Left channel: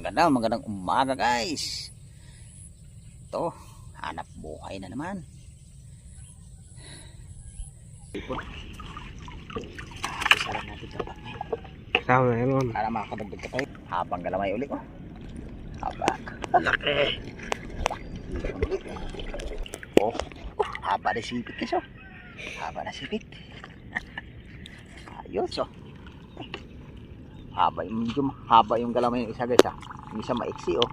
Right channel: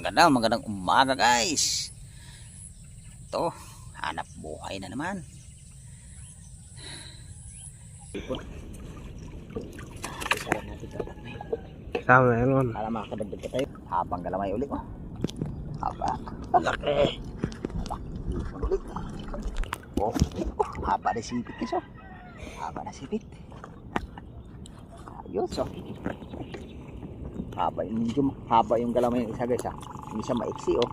magandang umaga guys. Ito, hanap buhay na naman. Isara natin ito. Tama yun. Para makakadagdag ka tayo. Habang galamay ulit. Haba. Laki. Ulit. Oh, haba na sipit guys. Haba na sipit. Ayos oh. Haba yung galamay ng isa guys ha. Yung isa maiksi oh.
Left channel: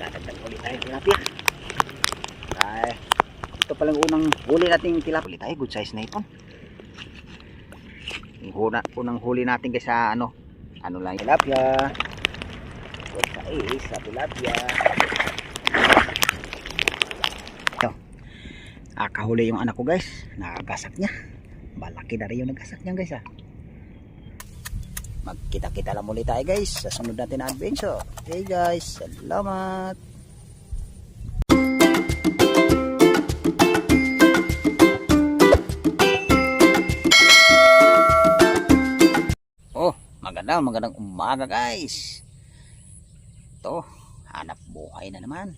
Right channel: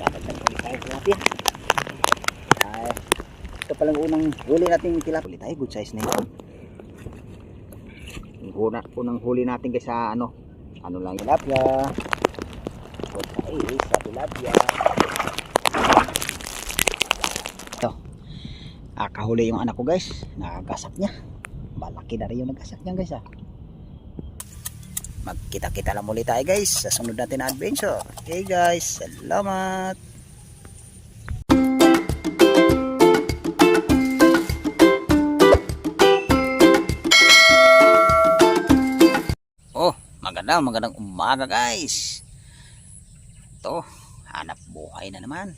Dadagdag ulit tayo tilapia. Ay, ito palang unang huli natin tilapia. Ulit tayo, good size na ito. Yung unang huli natin guys sa ano lang tilapia. Good size sa tilapia. Ito. Kahuli yung anak ko guys. Nakagasak niya. Malaki na rin yung nagasak niya guys ha. Magkita-kita lang muli tayo guys sa sunod natin na adventure. Okay guys, salamat. Oh, magandang umaga guys. Ito, hanap buhay na naman.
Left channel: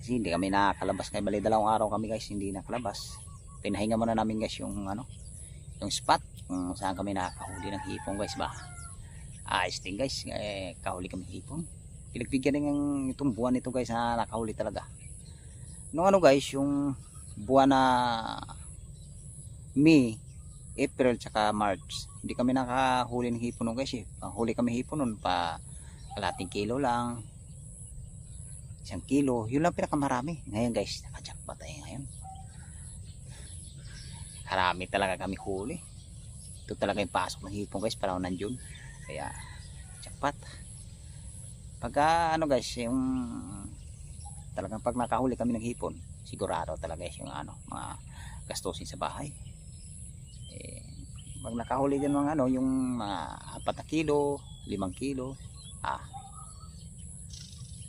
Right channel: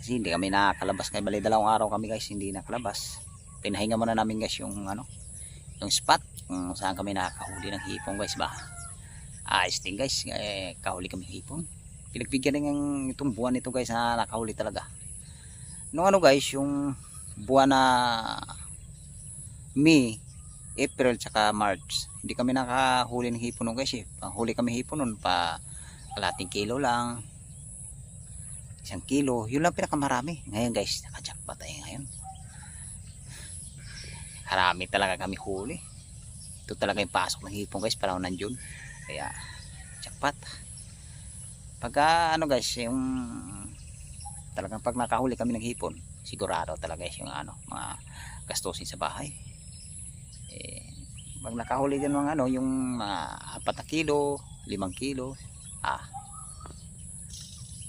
Kasi hindi kami nakakalabas ngayon. Bali dalawang araw kami guys hindi nakalabas. Pinahinga muna namin guys yung yung spot kung saan kami nakakahuli ng hipon guys ba. Ayos din guys, kahuli kami hipon. Pinagbigyan din itong buwan nito guys na nakahuli talaga. Nung guys, yung buwan na May, April tsaka March, hindi kami nakahuli ng hipon nung guys eh. Huli kami hipon nun pa kalating kilo lang, 1 kilo, yun lang pinakamarami. Ngayon guys, nakajackpot tayo ngayon. Karami talaga kami huli. Ito talaga yung pasok ng hipon guys, parang nandiyon. Kaya jackpot. Pagka guys, yung talagang pag nakahuli kami ng hipon, sigurado talaga guys yung mga gastusin sa bahay. Pag nakahuli din ng yung mga 4 na kilo, 5 kilo,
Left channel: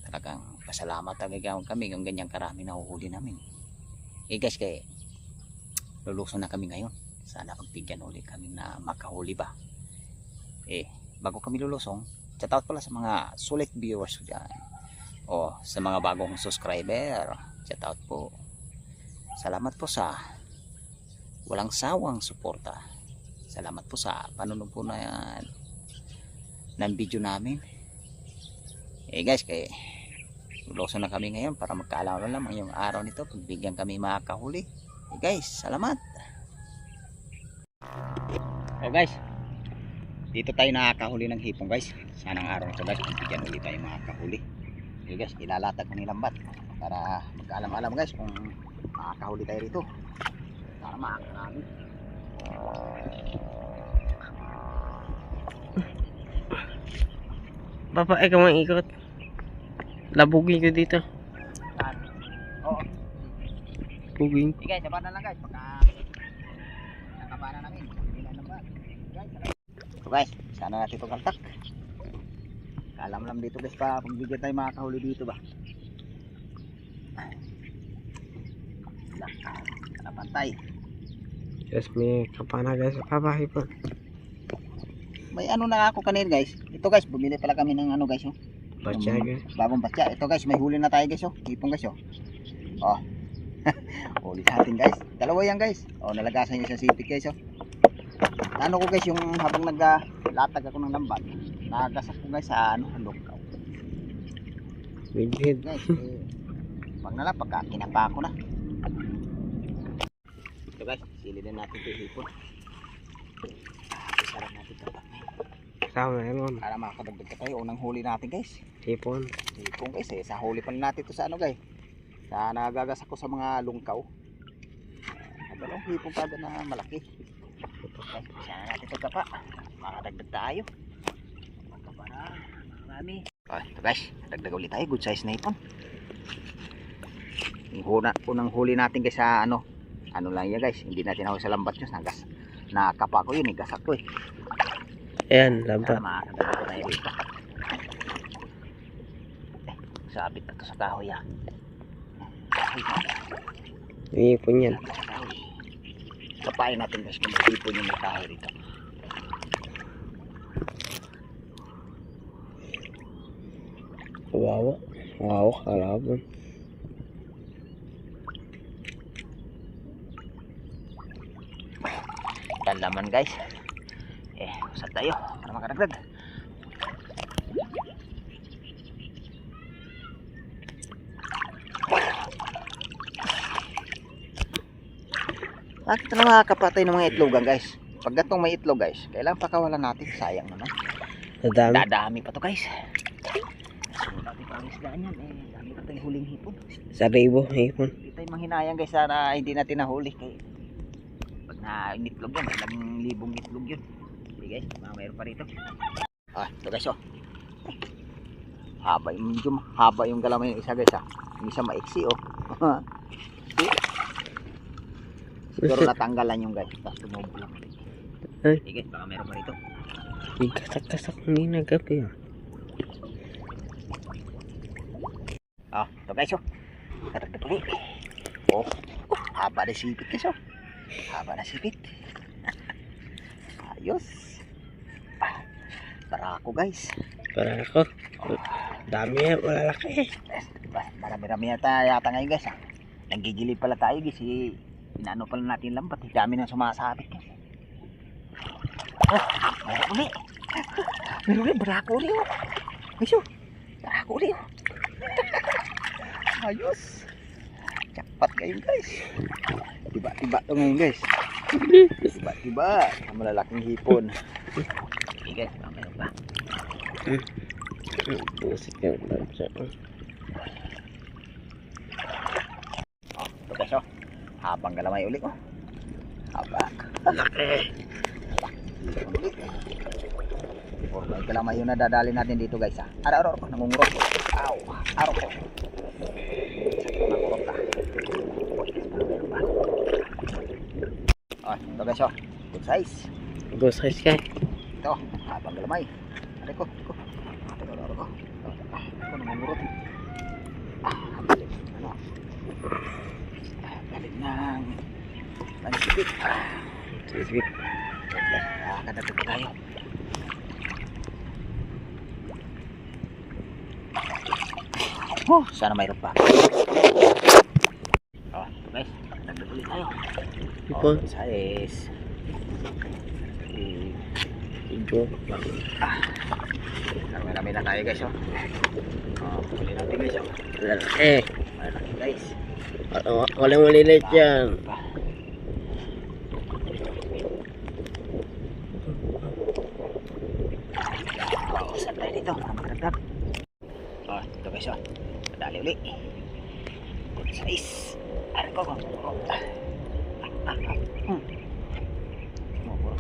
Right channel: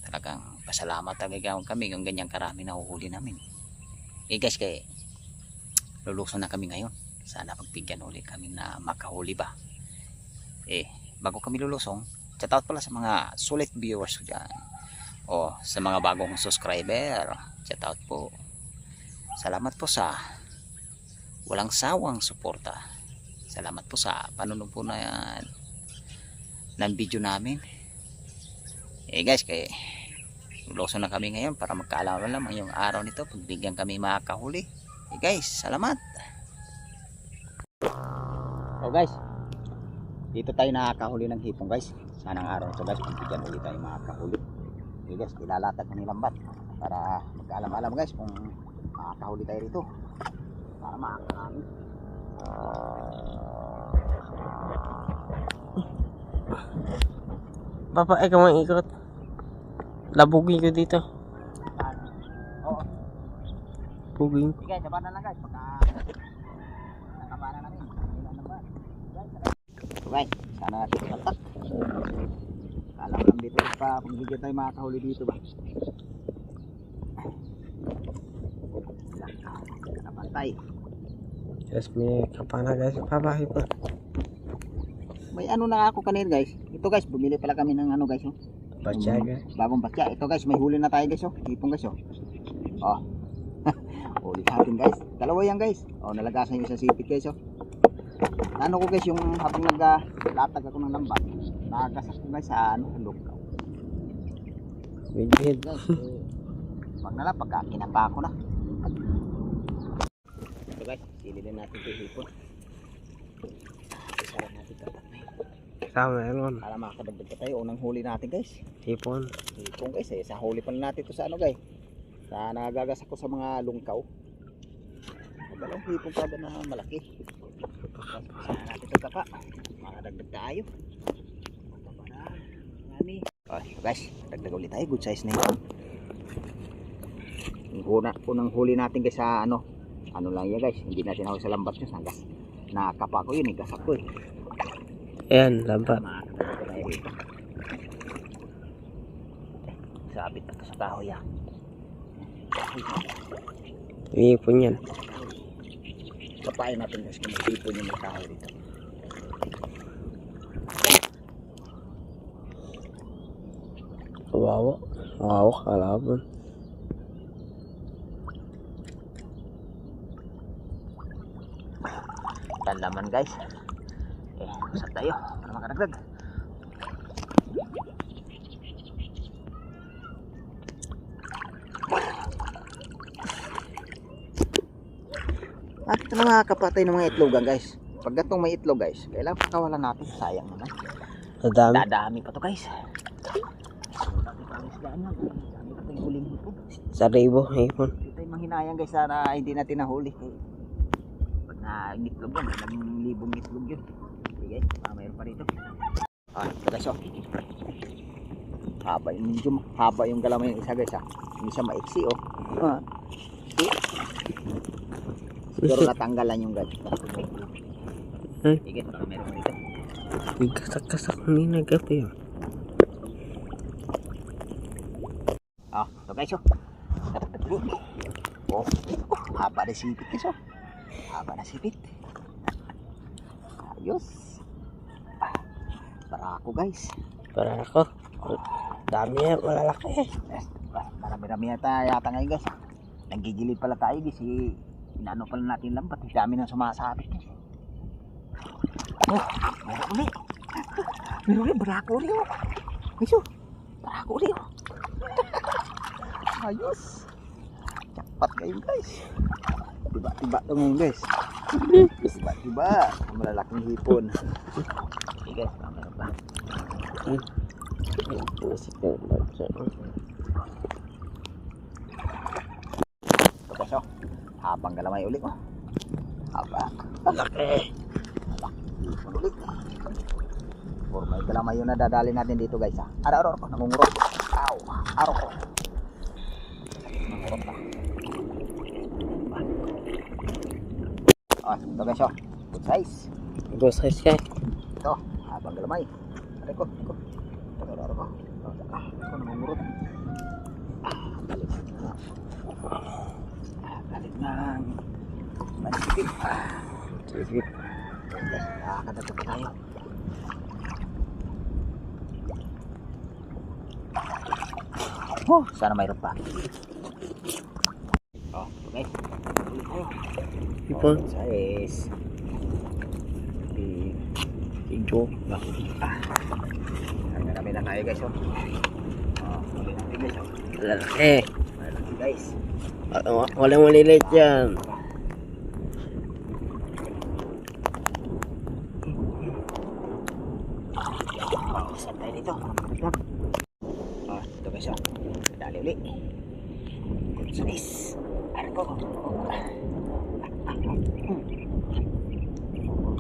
talagang pasalamat talaga kami yung ganyang karami na huhuli namin. Guys, kaya luluso na kami ngayon. Sana pagbigyan ulit kami na makahuli ba. Bago kami lulusong, shout out pala sa mga sulit viewers ko dyan. Sa mga bagong subscriber, shout out po. Salamat po sa walang sawang suporta. Salamat po sa panunod po ng video namin. Guys, kaya luluso na kami ngayon para magkaalaman lamang yung araw nito. Pagbigyan kami makahuli. Guys, salamat. Guys, dito tayo nakakahuli ng hipon guys. Sanang araw nito guys, bigyan ulit tayo makakahuli. Guys, ilalatag ko ng lambat para magkaalam-alam guys kung makakahuli tayo rito. Para makakarami. Papa, ikaw mang ikot. Labugin ko dito. Buging. Sige, sabahan na lang guys. Pagka nakabana namin. Guys, sana natin pagkaltak. Kalam dito pa. Kung bigyan tayo makakahuli dito ba. Napantay. Yes, may kapana guys. Pabahay pa. May na ako kanina guys. Ito guys, bumili pala kami ng guys. Batya guys. Bagong batya. Ito guys, may huli na tayo guys. Hipon guys. Huli sa atin guys. Dalawa yan guys. Nalagasan yung isang sipit guys. Ano ko guys, yung habang naglatag ako ng lambat, nagasak ko guys sa lugaw. Bighead Guys, pag pagka kinapa ko na. Ito guys, sililin natin ito yung hipon. Isara natin ito. Tama yun. Para makakadagdag ka tayo. Unang huli natin guys. Hipon. Hipon guys sa huli pa natin ito sa guys. Na nagagasak ko sa mga lungkaw. Dalawang hipon kada na malaki. Sana natin ito kapa. Makadagdag tayo. Kapa na. Marami. Ito guys. Dagdag ulit tayo. Good size na ito. Yung unang huli natin guys sa ano lang yan guys. Hindi natin ako sa lambat yun. Nakapa ko yun. Gasak ko Ayan, lambat. Makadagdag ko tayo dito. Sabit na ito sa kahoy Hipon yan. Kapain natin guys kung hipon yung may kahoy dito. Kawawa. Kawawa kalaban. Yan laman guys. Usap tayo para makaragdag. At ito na mga kapatay ng mga itlogan guys. Pag gatong may itlog guys, kailangan pakawalan natin. Sayang naman. Nadami. Dadami pa to guys. Dati pa ang isdaan yan. Dami pa tayong huling hipon. Sa ribo, hipon. Hindi tayo manghinayang guys sana hindi natin nahuli. Kaya pag na-itlog yan, ilang libong itlog yun. Sige guys, mayroon pa rito. Ito guys oh. Haba yung galamay ng isa guys ha. Yung isa maiksi oh. Siguro natanggalan yung guys. Ay. Sige, baka meron pa rito. Kasak-kasak kanina gabi ah. Ito guys oh. Katagtagtagi. Haba na sipit guys oh. Haba na sipit. Ayos. Barako guys. Para ako. Dami yan, malalaki. Marami-rami yata ngayon guys. Nanggigilid pala tayo guys. Inaano pala natin lambat. Dami nang sumasabit guys. Meron ulit. Meron ulit. Barako ulit oh. Guys oh. Barako ulit oh. Ayos. Jackpot kayo guys. Tiba-tiba ito ngayon guys. Tiba-tiba. Ang malalaking hipon. Okay guys, meron pa. Pusik yan. Ito guys oh. Habang galamay ulit oh. Haba. Laki. Hipon ulit. Or may galamay yung nadadali natin dito guys ha. Araw-araw ko nangungurot. Aw. Araw ko. Nangungurot ka. Ito guys oh. Good size. Good size ka. Ito. Habang galamay. Aray ko. Araw-araw ko. Ito nangungurot. Galit ng manisipit. Sisip. Nakakadagdag pa tayo. Sana mayroon pa. Ito guys. Ulit tayo. Hipon. Size. Joke lang. Marami na tayo guys oh. Huli natin guys oh. Lalaki. Malaki guys. Walang malilit yan. Saan tayo dito? Makaragdag. Ito guys oh. Dali uli. Good size. Aray ko.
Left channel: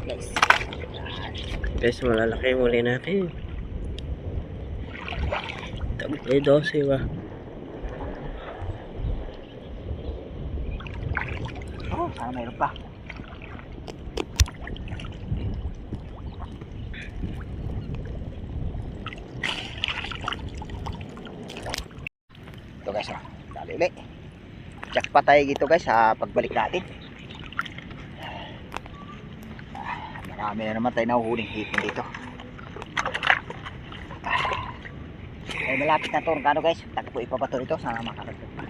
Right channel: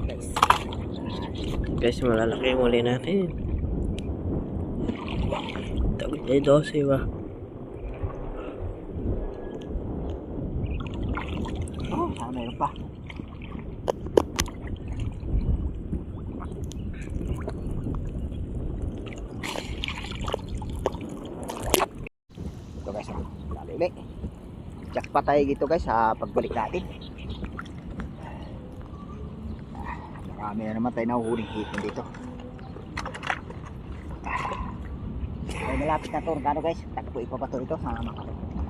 Guys. Guys, malalaki yung muli natin. Tagit ay 12 ba? Sana mayroon pa. Ito guys oh. Dali uli. Jackpot tayo dito guys sa pagbalik natin. Marami na naman tayo nahuhuling hipon dito. Ay malapit na to. Gano guys? Takpo ipapato ito. Sana makakagdag pa.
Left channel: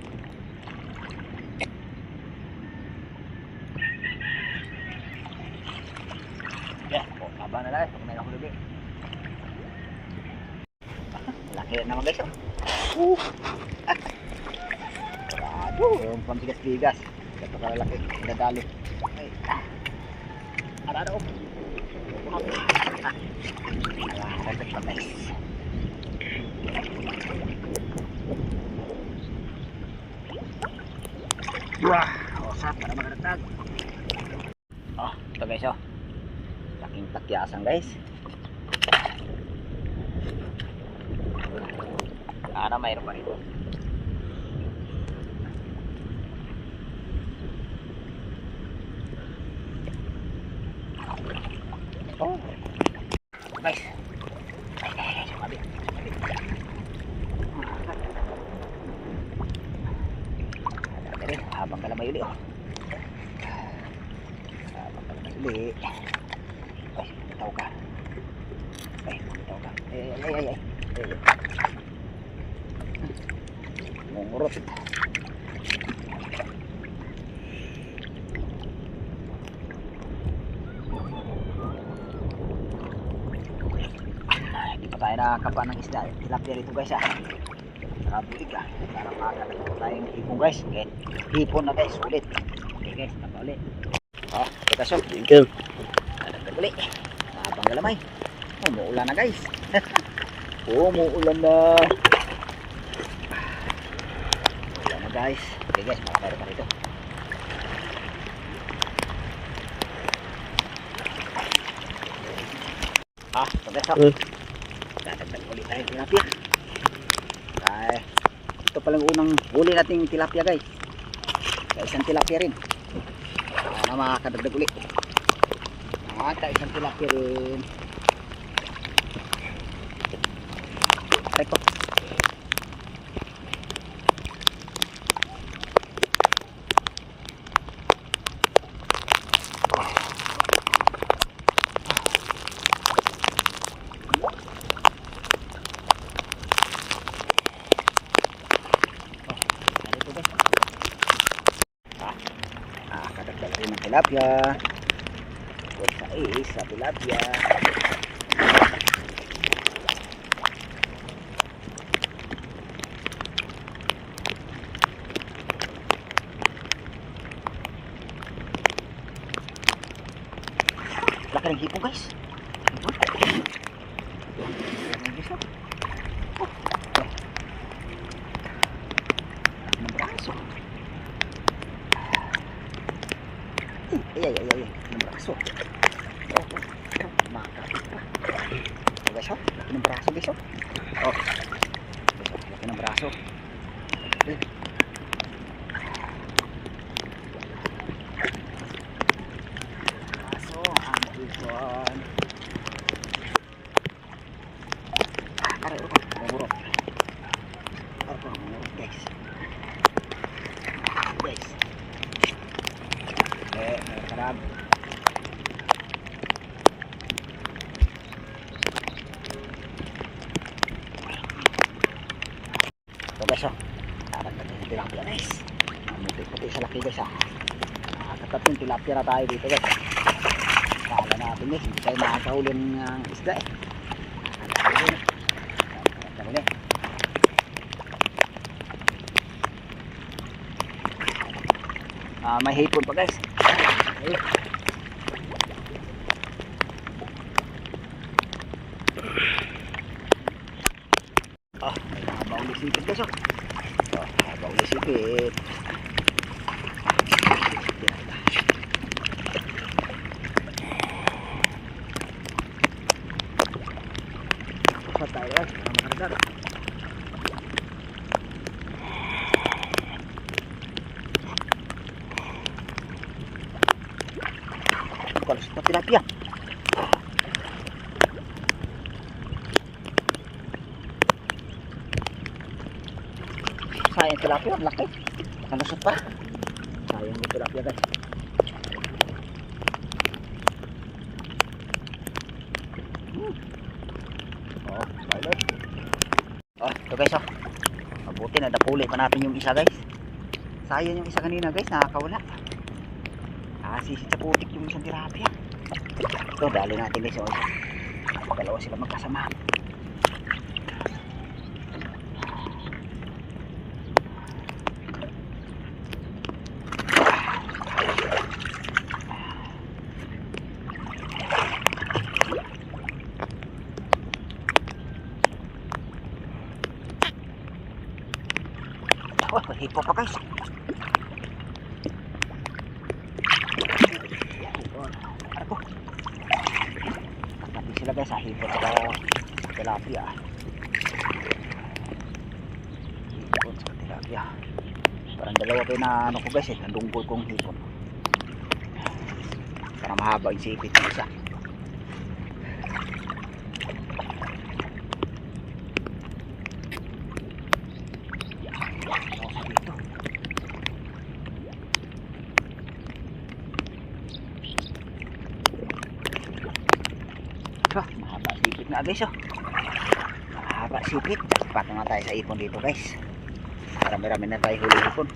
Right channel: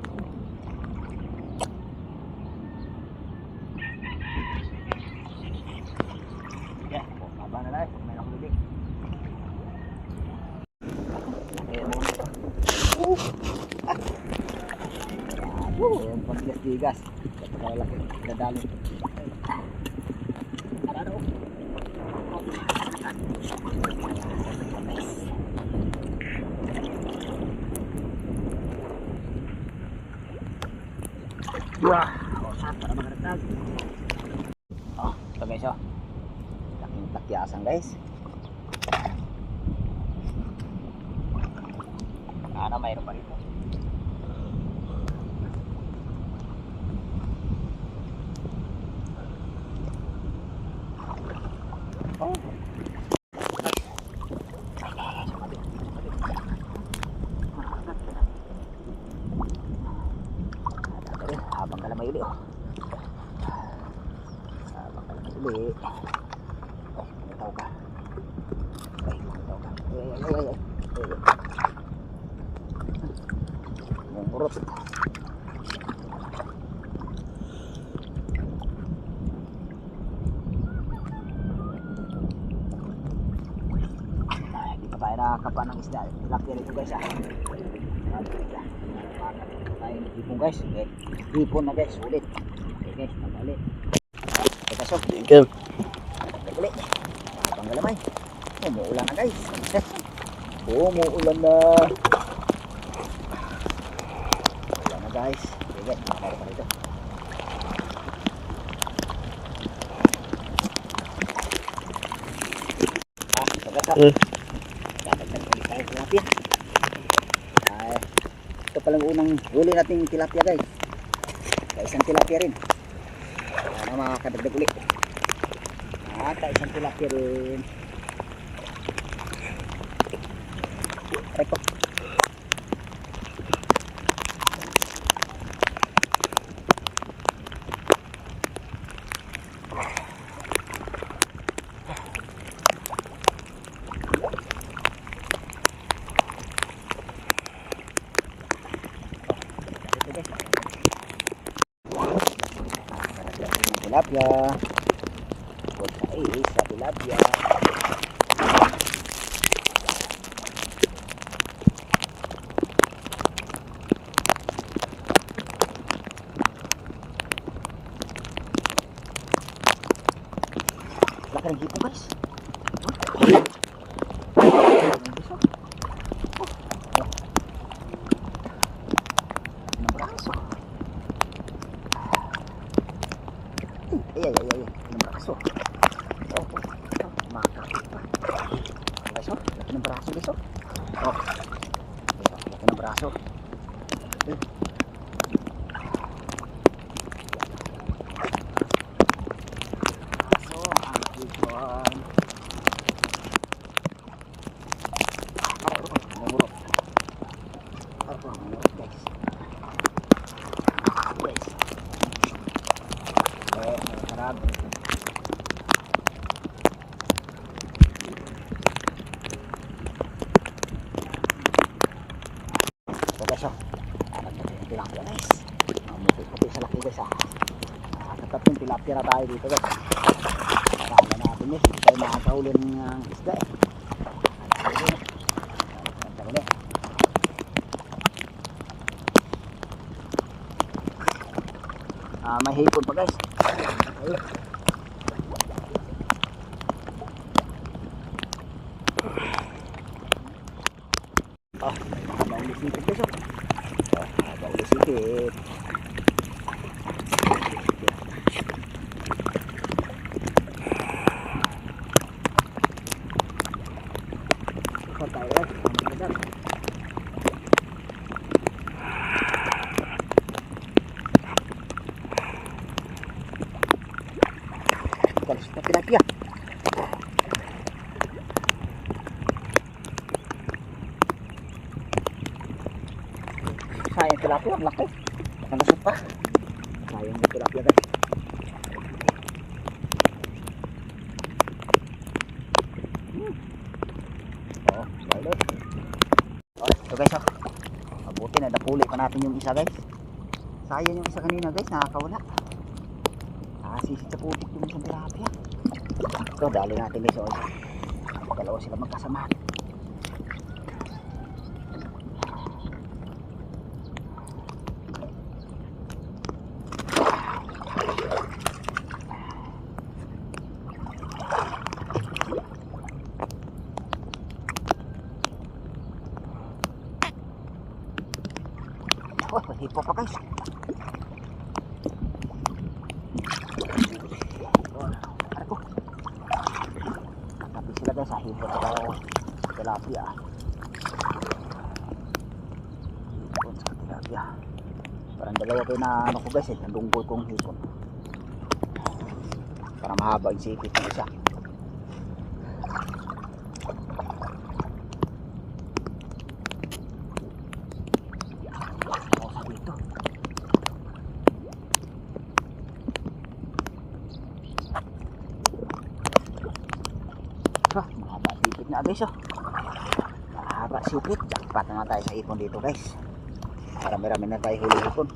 Haba na lang. Pag may nahulog laki na naman guys oh. Sarado. Yung pambigas-bigas. Ito ka laki. Dadali. Ay. Arado. Perfect pa guys. Wah, osap para makaragdag. Ito guys oh. Laking takyasan guys. Sana mayroon pa rito. Habang kalamay uli oh. Habang kalamay uli. Ay, bumitaw ka. Ay. Namumurot. Hindi pa tayo nakakapa ng isda. Tilapia dito guys ah. Nakabulig ah. Para makakatagal tayong hipon guys. Okay. Hipon na guys. Ulit. Okay guys. Tama ulit. Ito so. Ikaw. Nadagdag ulit. Mahabang galamay. Umuulan na guys. Umuulan na. Ulan na guys. Okay guys. Makaparo pa rito. Ito guys so. Dadagdag ulit tayo tilapia. Ay, ito palang unang huli nating tilapia guys. Sa isang tilapia rin. Para makakadagdag ulit. At isang tilapia rin. Teko. Kadagdag rin ng tilapia. Huwag sa sa tilapia. Laki ng hipo guys. Ng braso. Ay. Ng braso. Makakapit pa. Guys oh. Laki ng braso guys oh. Oh. Laki ng braso. Ituan. Murot guys. Guys. Karab. So guys oh. Nakakatatlong tilapia guys. Muti-puti sa laki guys ah. Nakakatatlong tilapia na tayo dito guys. Kala natin guys, hindi tayo makakahuli ng isda eh. Nakakahuli. May hipon pa guys. Ayun. Oh, may mahaba ulit sipit guys oh. Oh, mahaba ulit sipit. Tayo guys, magandang. Kalos na tilapia. Sayang tilapia, ang laki. Nakalusot pa. Sayang yung tilapia guys. Oh, spoiler. Oh, ito guys oh. Mabuti na napuli pa natin yung isa guys. Sayang yung isa kanina guys, nakakawala. Sisit sa putik yung isang tilapia. Ito, dali natin guys oh. Dalawa sila magkasama. Oh, hipo pa guys. Ako. Katabi sila guys sa hipo sa tilapia. Hipon sa tilapia. Parang dalawa kayo na ano ko guys eh. Nandunggol kong hipon. Parang mahaba yung sipit ng isa. Mahaba sipit na guys oh. Mahaba sipit. Jackpot naman tayo sa ipon dito guys. Marami-rami na tayo huli hipon.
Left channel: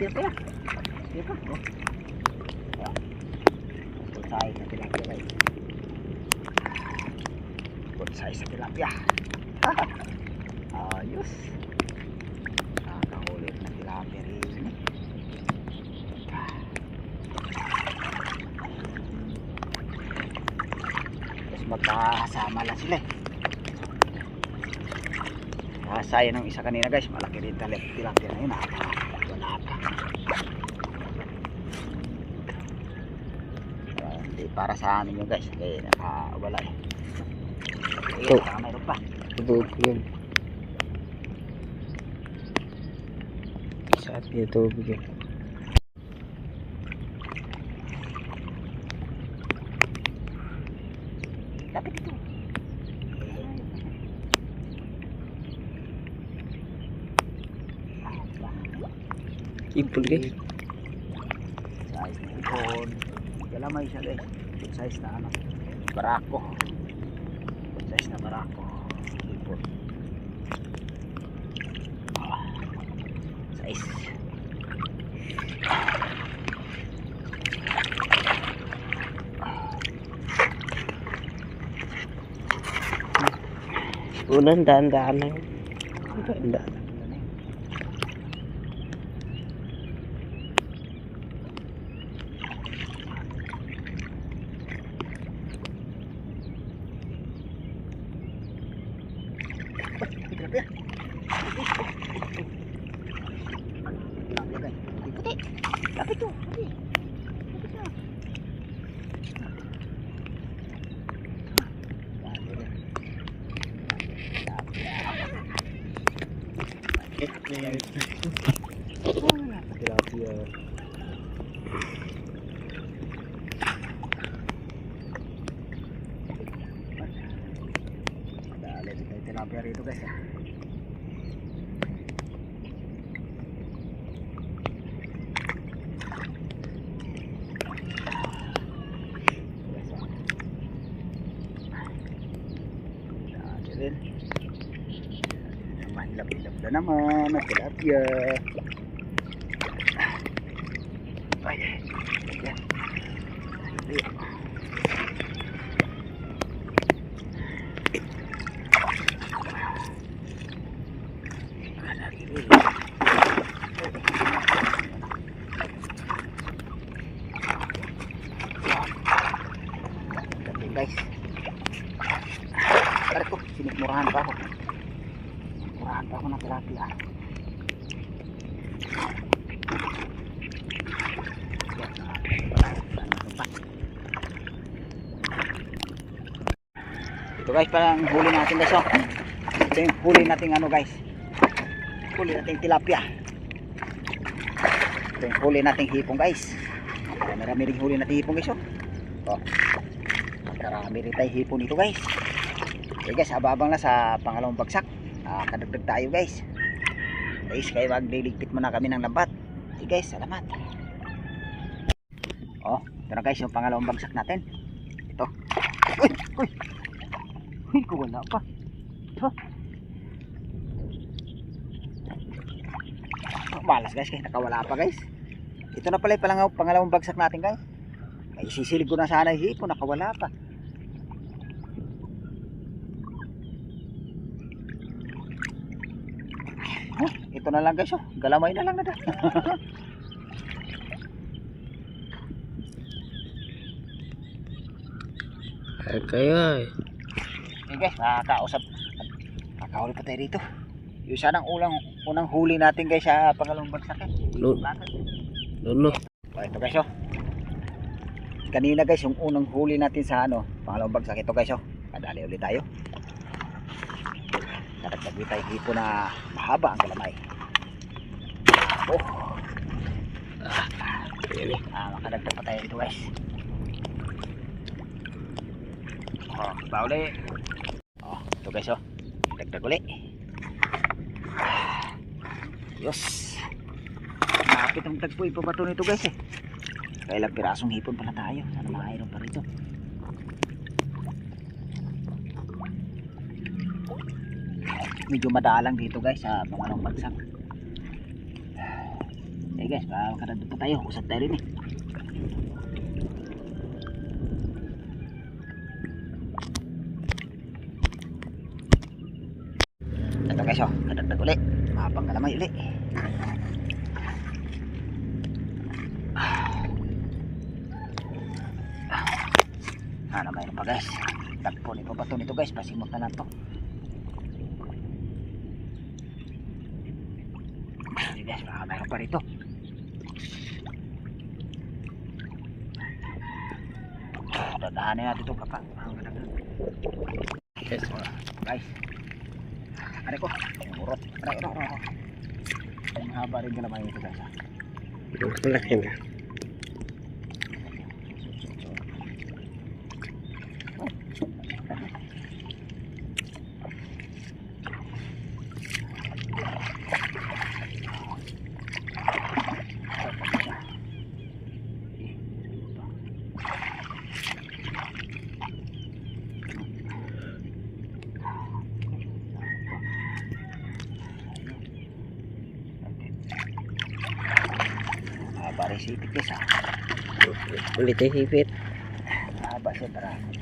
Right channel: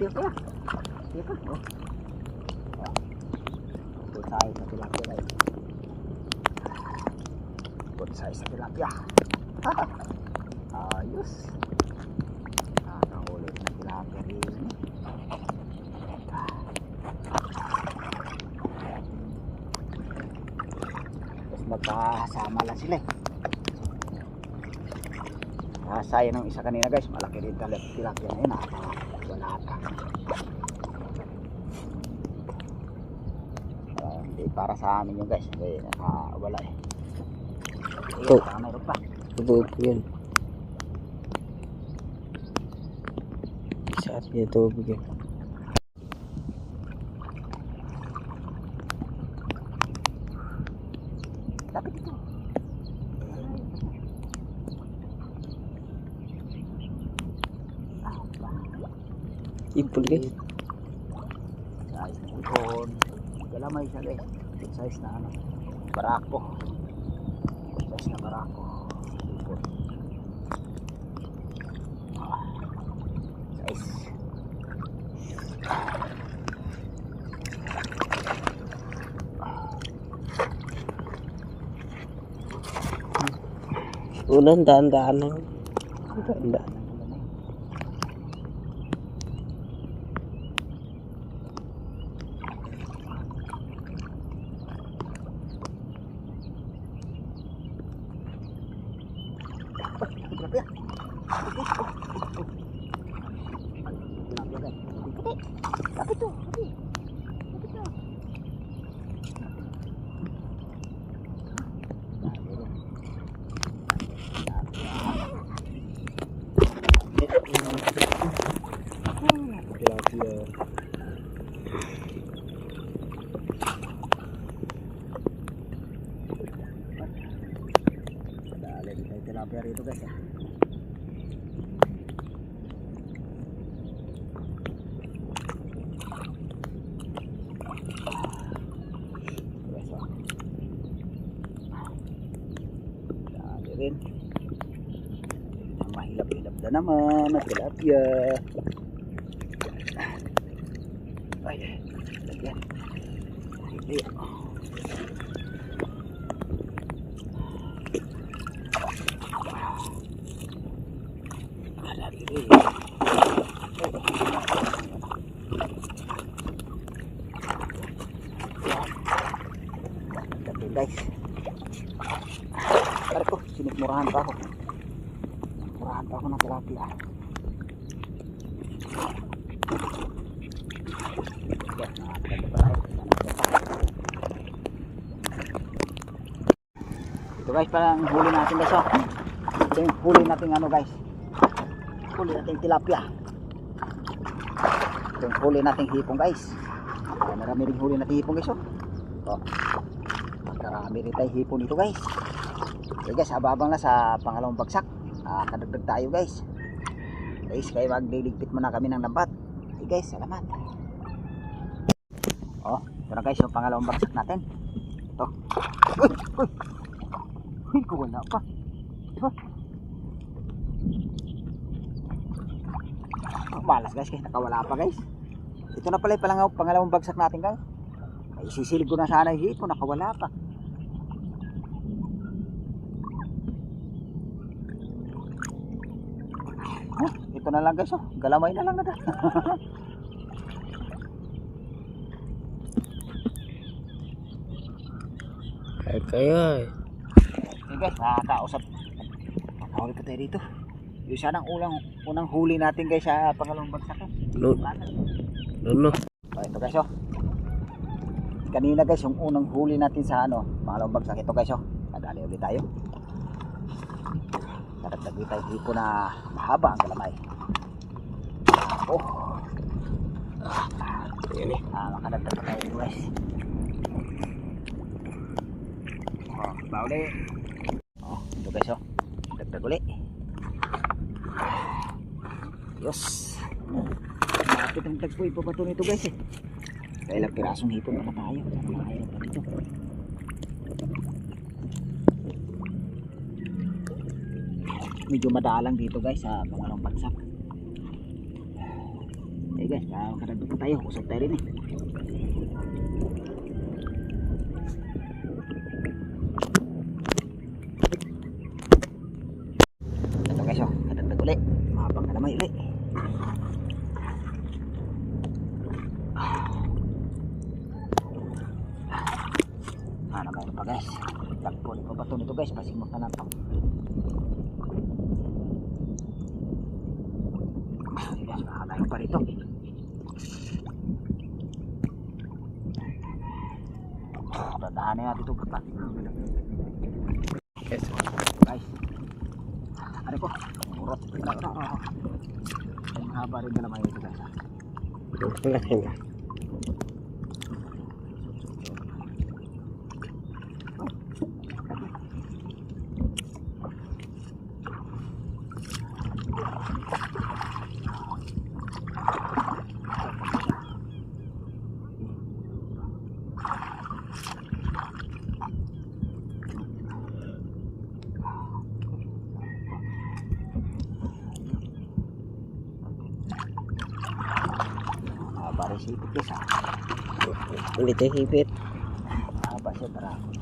Tira pa. Tira pa. Oh. Good size na tilapia guys. Good size na tilapia. Ayos. Nakakahuli na tilapia rin. Tapos magkasama lang sila eh. Sayang ng isa kanina guys. Malaki rin tilapia na yun. Wala pa. Hindi para sa amin yun guys. Hindi nakawala eh. Ito. Baka mayroon pa. Ito yun. Sa atin yung tubig yun. Lapit ito. Ipul guys. Size na ipon. Galamay siya guys. Good size na ano. Barako. Good size na barako. Ipon. Size. Unang daan-daan lang. Daan-daan. Tilapia. Tilapia guys. Puti. Lapit to. Puti. Lapit to. Tilapia. Dali dito yung tilapia rito guys. Dali rin. Mahilap-hilap na naman ang tilapia. Ay, yan. Ay, okay guys. Tara ko, sinigmurahan pa ako. Murahan pa ako ng tilapia. Ito guys, parang huli natin guys. Oh. Ito yung huli nating ano guys. Huli nating tilapia. Ito yung huli nating hipong guys. Marami rin huli nating hipong guys. Oh. Marami rin tayong hipon dito guys. Okay guys, habang na sa pangalawang bagsak. Kadagdag tayo guys. Guys, kaya magdiligpit muna kami ng lambat. Okay guys, salamat. Oh, ito na guys yung pangalawang bagsak natin. Ito. Uy, uy. Uy, wala pa. Ito. Malas guys, kaya nakawala pa guys. Ito na pala yung pangalawang bagsak natin guys. Ay, sisilig ko na sana yung hipon, nakawala pa. Ito na lang guys, oh. Galamay na lang na. Ay kayo ay. Okay guys, nakakausap. Nakahuli pa tayo dito. Yung sanang unang huli natin guys sa pangalawang bagsak eh. Lolo. So ito guys, oh. Kanina guys, yung unang huli natin sa ano, pangalawang bagsak ito guys, oh. Kadali ulit tayo. Naragdag tayo hipo na mahaba ang galamay. Oh. Makadagdag pa tayo dito guys. Oh, bauli. Oh, ito guys, oh. Dagdag ulit. Yes. Napit ang tagpo ipabato nito guys eh. Nakailang pirasong hipon pala tayo. Sana makairon pa rito. Medyo madalang dito guys sa pangalawang bagsak. Eh guys, makakadagdag pa tayo. Usap tayo rin eh. Ito guys oh, kadagdag uli. Mahabang kalamay uli. Sana mayroon pa guys. Tagpo ni pa ba nito guys? Pasimot na lang to. Sige guys, baka mayroon pa rito. Dadahanin natin ito kapag Yes. guys. Ano ko? Murot. Ay mahaba rin na naman ito guys. Malaki na. Mahaba rin si ipit guys ha. Ulit ay hipit. Mahaba siya marami.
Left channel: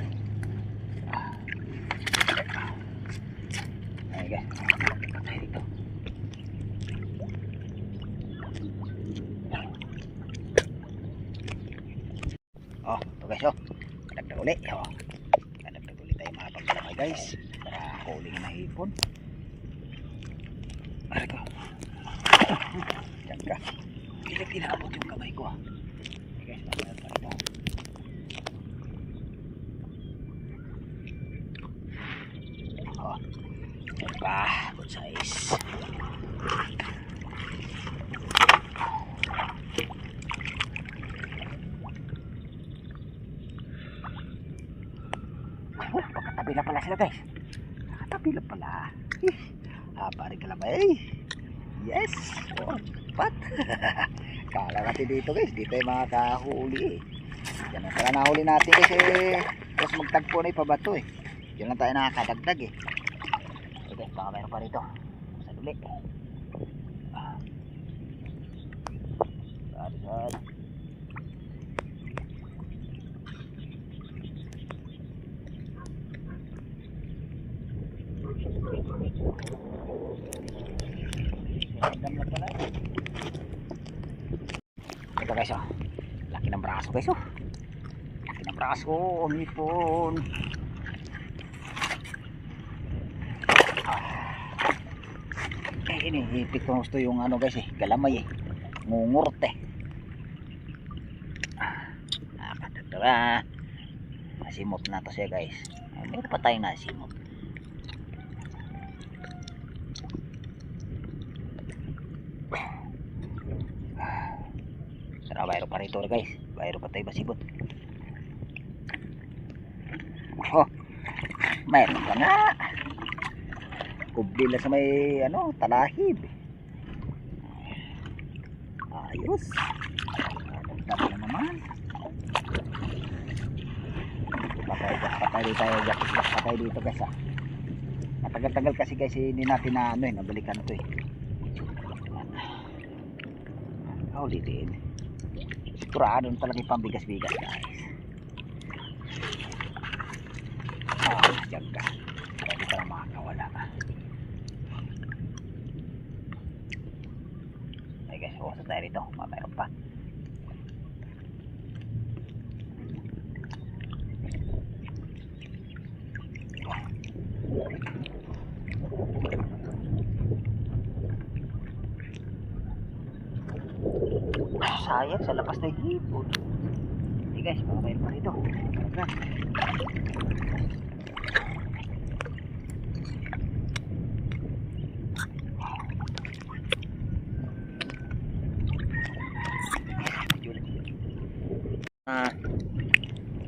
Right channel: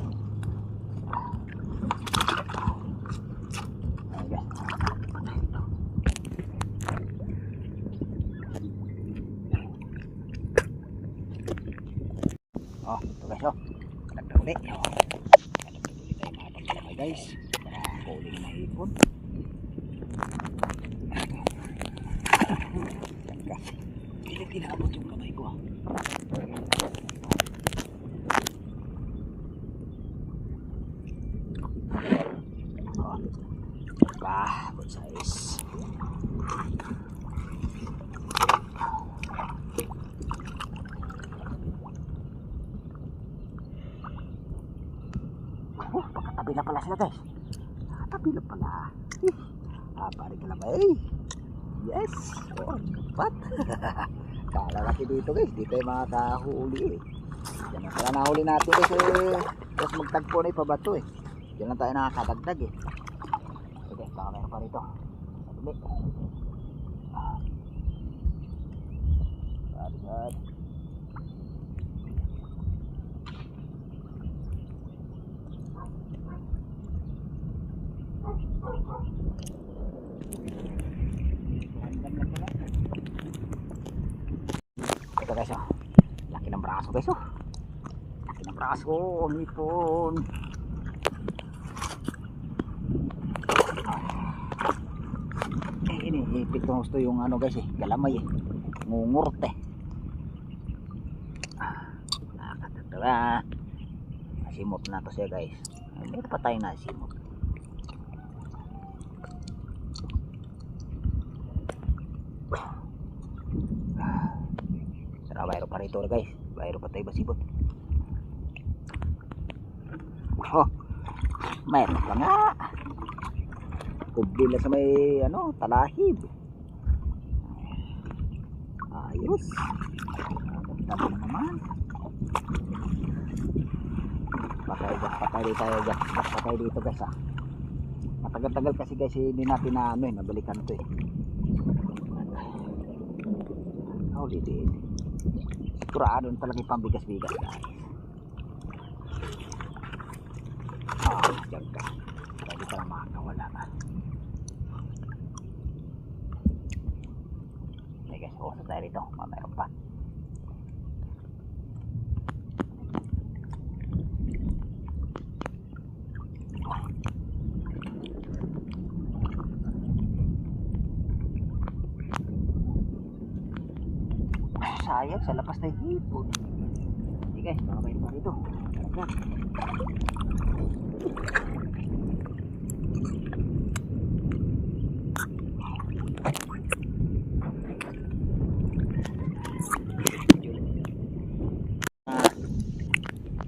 Ay guys. Ay dito. Oh, ito guys oh. Kadagdag uli. Oh. Kadagdag uli tayo mahabang kalamay guys. Para huli na hipon. Ito. Diyan ka. Hindi tinamot yung kamay ko ah. Okay. Ito. Oh. Pa, good size. Oh, pagkatabi na pala sila guys. Pagkatabi na pala. Pare kalamay. Yes. Oh, pat. Kala natin dito guys. Dito yung mga kahuli eh. Yan na pala nahuli natin guys eh. Tapos magtagpo na ipabato eh. Diyan lang tayo nakakadagdag eh. Okay, baka mayroon pa rito. Sa duli. Sad. Random lang pala. Ito guys oh. Laki ng braso guys oh. Laki ng braso. Ang ipon. Iniipit ko gusto yung ano guys eh. Galamay eh. Ngungurot eh. Nakadagdaga. Nasimot na to siya guys. Meron pa tayo nasimot. Sarap bayro pa rito guys. Bayro pa tayo basibot. Oh, mayroon pa nga. Kubli lang sa may ano, talahib. Ayos. Tama na naman. Patay dito guys ah. Matagal-tagal kasi guys hindi natin na ano eh, nabalikan to eh. Ulitin. Sigurado talaga yung pambigas-bigas guys. Diyan ka. Hindi ka lang makakawala ka. Okay guys, usap tayo rito. Mayroon pa. Sayang sa lapas na hipon. Okay guys, baka mayroon pa rito.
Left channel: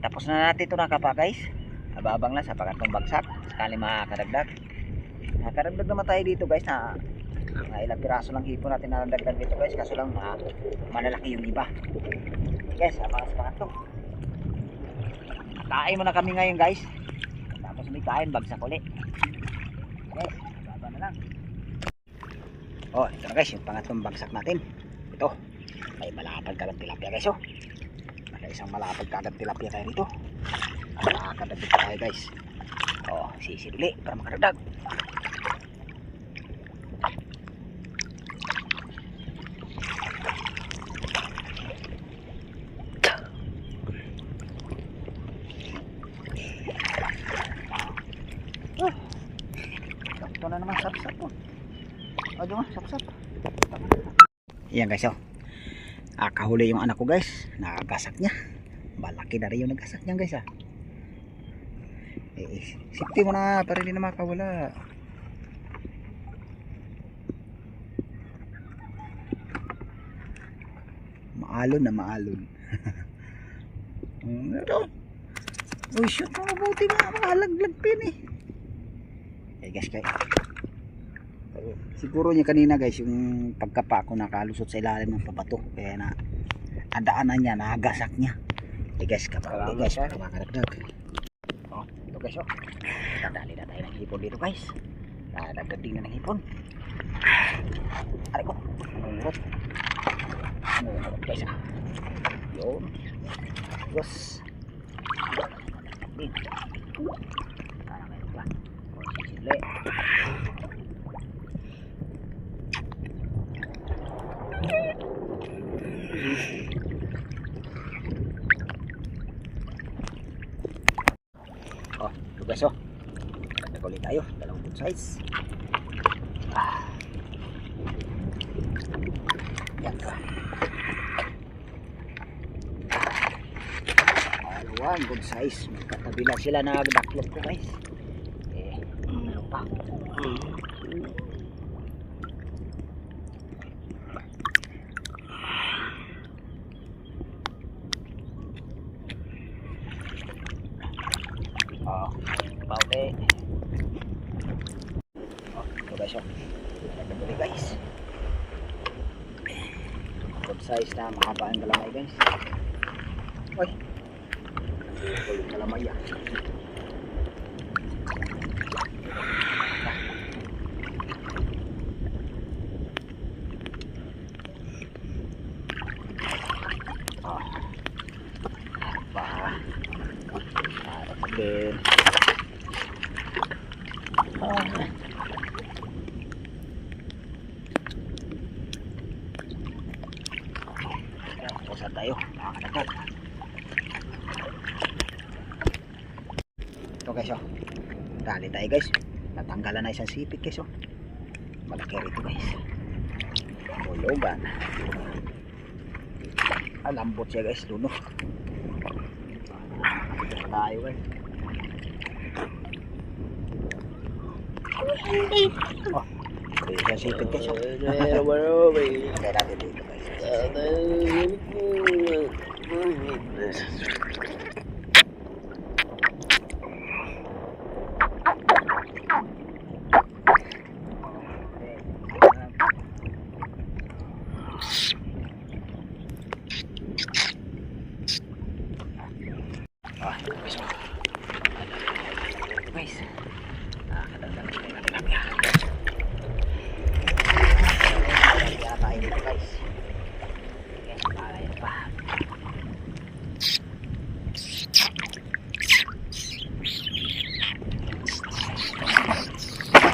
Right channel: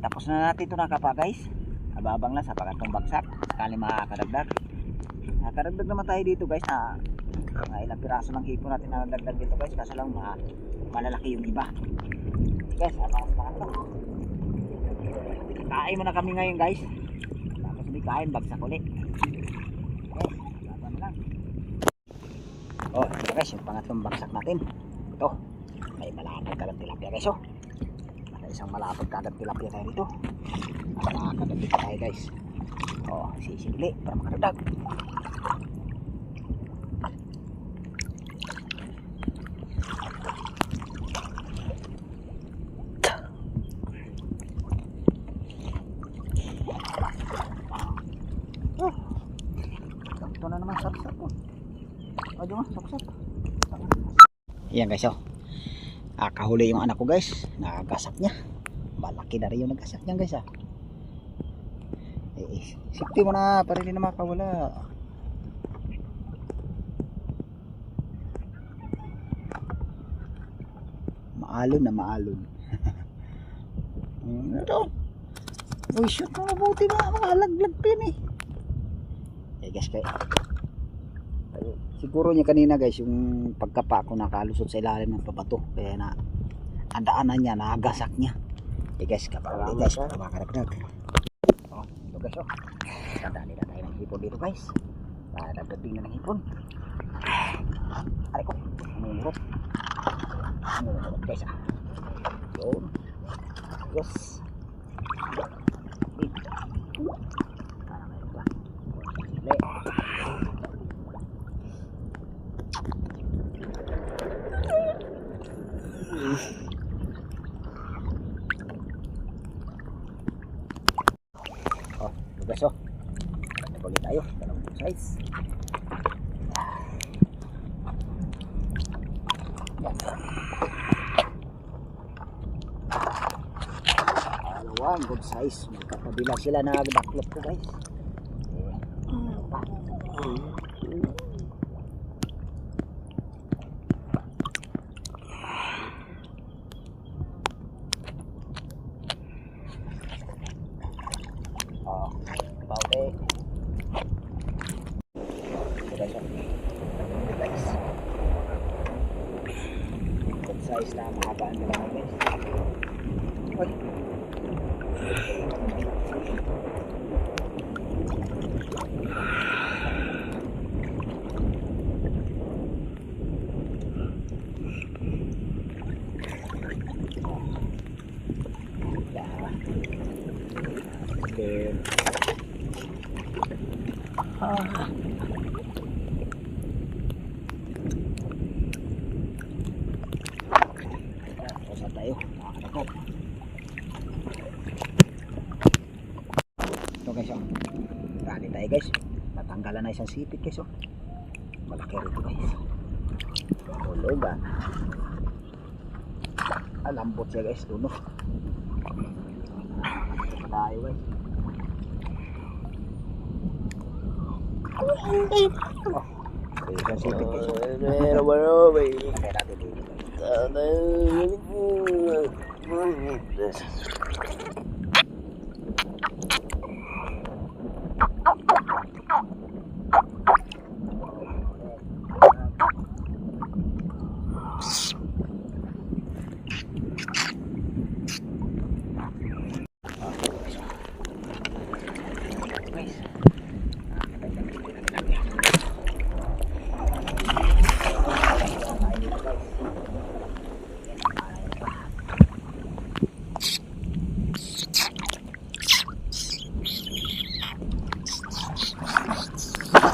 Tapos na natin ito nakapa guys. Ababang lang sa pangatlong bagsak. Sakali makakadagdag. Nakadagdag naman tayo dito guys na mga ilang piraso ng hipon natin na nadagdag dito guys. Kaso lang malalaki yung iba. Guys, abangan sa pangatlo. Kain muna kami ngayon guys. Tapos may kain, bagsak uli. Yes, baba na lang. Oh, ito na guys, yung pangatlong bagsak natin. Ito, may malapad kagang tilapia guys. Oh, may isang malapad kagang tilapia tayo dito. Nakakadagdag pa tayo guys. Oh, sisibili para makadagdag. Ito na naman sapsap po. O diba, sapsap. Yan guys oh. Kahuli yung anak ko guys. Nakagasak niya. Malaki na rin yung nagasak niya guys ah. Safety mo na para hindi na makawala. Maalon na maalon. Ito. Uy shoot mo mabuti na. Makalaglag pin eh. Guys kaya siguro niya kanina guys yung pagkapa ko nakalusot sa ilalim ng pabato kaya na ang daanan niya nagasak niya guys kapag guys para makadagdag oh ito guys oh dadali na tayo ng hipon dito guys dadagdag din na ng hipon aray ko namumurot guys ah yun yes para mayroon pa sili oh ito guys oh nagdag ulit tayo dalawang good size yan dalawang good size magkatabi lang sila nagdaklop ko guys ano pa baute ito guys oh nagdaklop guys good size na mahaba ang galamay guys oy ito yung galamay yan again saan tayo nakakadagdag ito guys oh dali tayo guys natanggalan na isang sipit guys oh malaki rito guys bulugan lambot siya guys luno ito tayo guys oh isang sipit guys oh lagay natin dito guys guys nakakadagdag tayo ng tilapia tayo dito guys kaya pa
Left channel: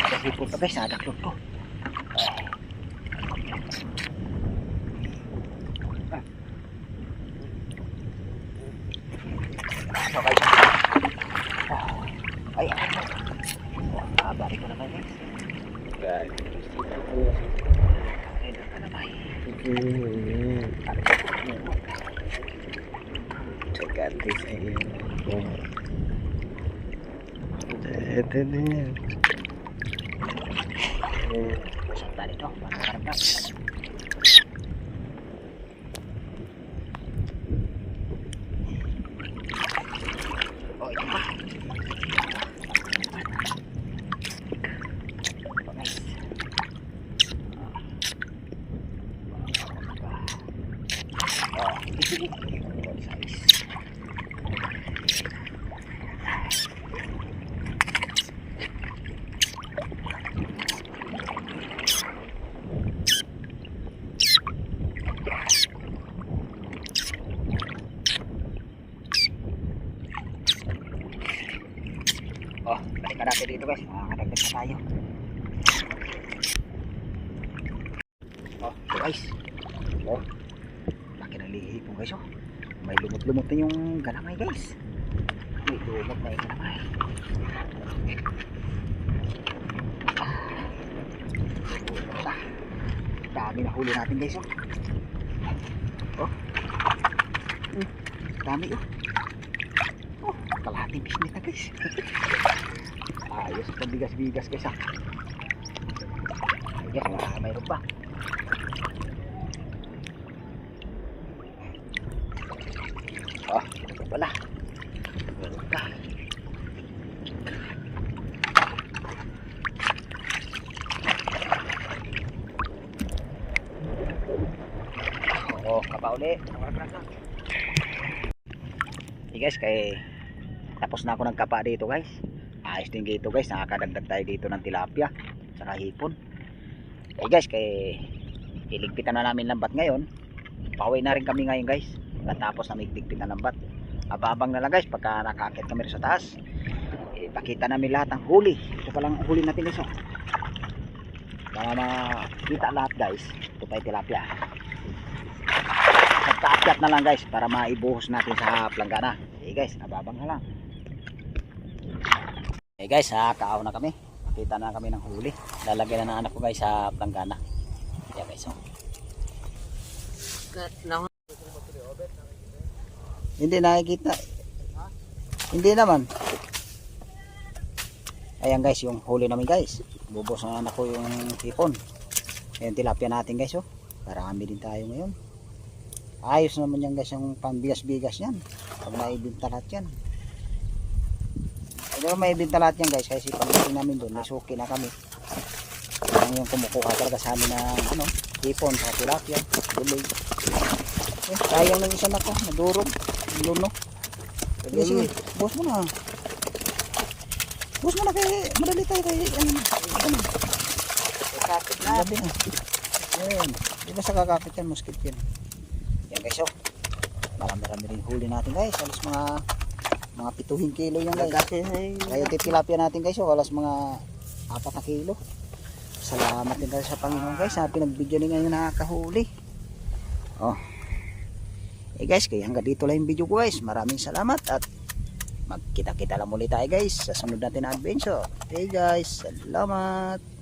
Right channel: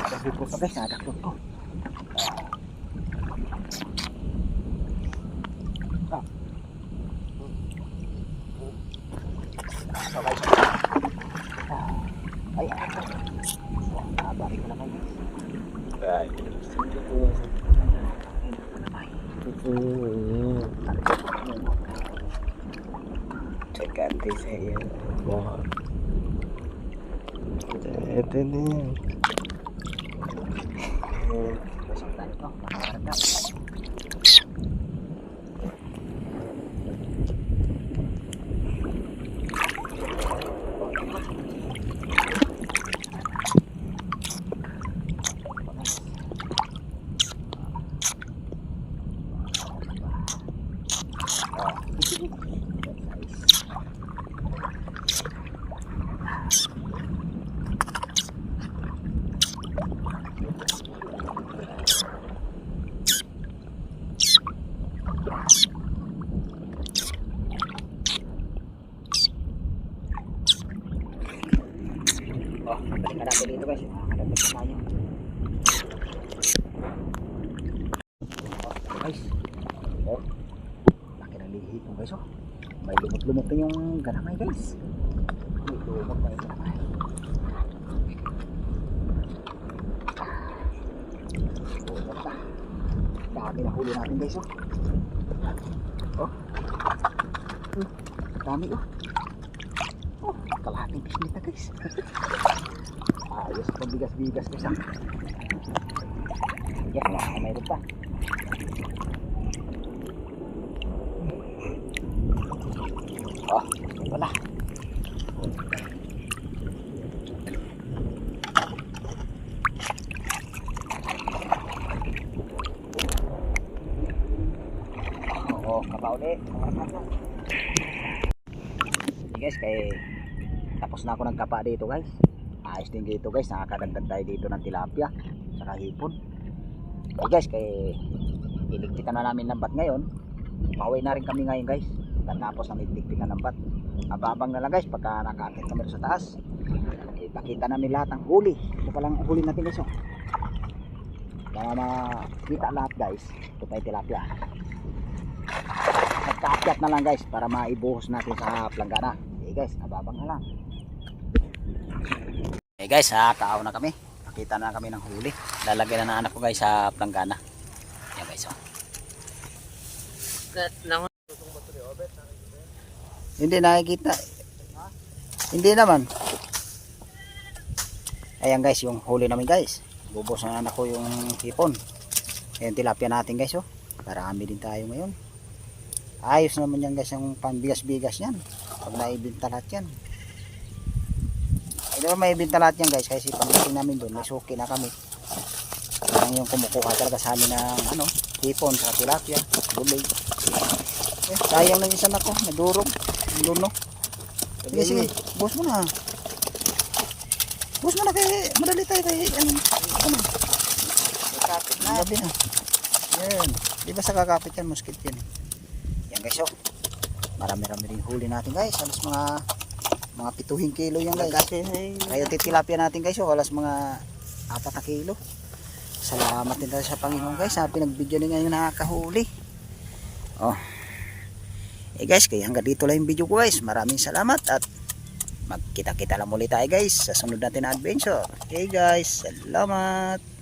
kasi po pa guys nadaklot ko so guys ay balik ko naman guys ay nakalabay Ganti saya buat ito na yan busok na dito makakarga oh ito pa nice Oh, balikan natin dito guys. Makakadagdag na tayo. Oh, ito guys. Oh, laki ng lihi po guys. Oh, may lumot-lumot na yung galamay guys. May lumot na yung galamay. Lumot na. Dami na huli natin guys. Oh, oh. Dami oh. Oh, kalahating pisnit na guys. Ayos pa bigas-bigas guys. Ayan, mayroon pa. Oh, wala. Wala. Oo, kapa uli. Okay guys, kay tapos na ako nagkapa dito guys. Ayos din dito guys, nakakadagdag tayo dito ng tilapia saka hipon. Okay guys, kay iligpitan na namin lambat ngayon. Pauwi na rin kami ngayon guys. Tapos na may iligpitan lambat. Ababang na lang guys pagka nakakit kami sa taas. Ipakita namin lahat ng huli. Ito palang huli natin guys. Para makita lahat guys. Ito pa yung tilapia. Nagkaakyat na lang guys para maibuhos natin sa planggana. Okay guys, ababang na lang. Okay guys, kaaw na kami. Nakita na kami ng huli. Lalagyan na ng anak ko guys sa planggana. Ayan guys. Oh. Hindi nakikita. Hindi naman. Ayan guys, yung huli namin guys. Bubos na anak ko yung hipon. Ayan tilapia natin guys. Oh. Marami din tayo ngayon. Ayos naman yan guys yung pambigas-bigas yan. Pag naibinta lahat yan. Ay naman maibinta lahat yan guys. Kasi pagdating namin doon, may suki na kami. Yan yung kumukuha talaga sa amin ng hipon sa tilapia. Gulay. Sayang lang isa na ko. Nadurog. Luno. Sige sige. Bus mo na. Bus mo na kay madali tayo kay ano. Kakapit na. Gabi na. Yan. Di ba sa kakapit yan? Muskit yan. Yan guys oh. Marami-rami rin huli natin guys. Alas mga 7 kilo yan guys. Kaya titilapia natin guys oh. Alas mga 4 na kilo. Salamat din tayo sa Panginoon guys. Pinagbigyan din ngayon nakakahuli. Oh. Guys, kaya hanggang dito lang yung video ko guys. Maraming salamat at magkita-kita lang muli tayo guys sa sunod natin na adventure. Okay guys, salamat.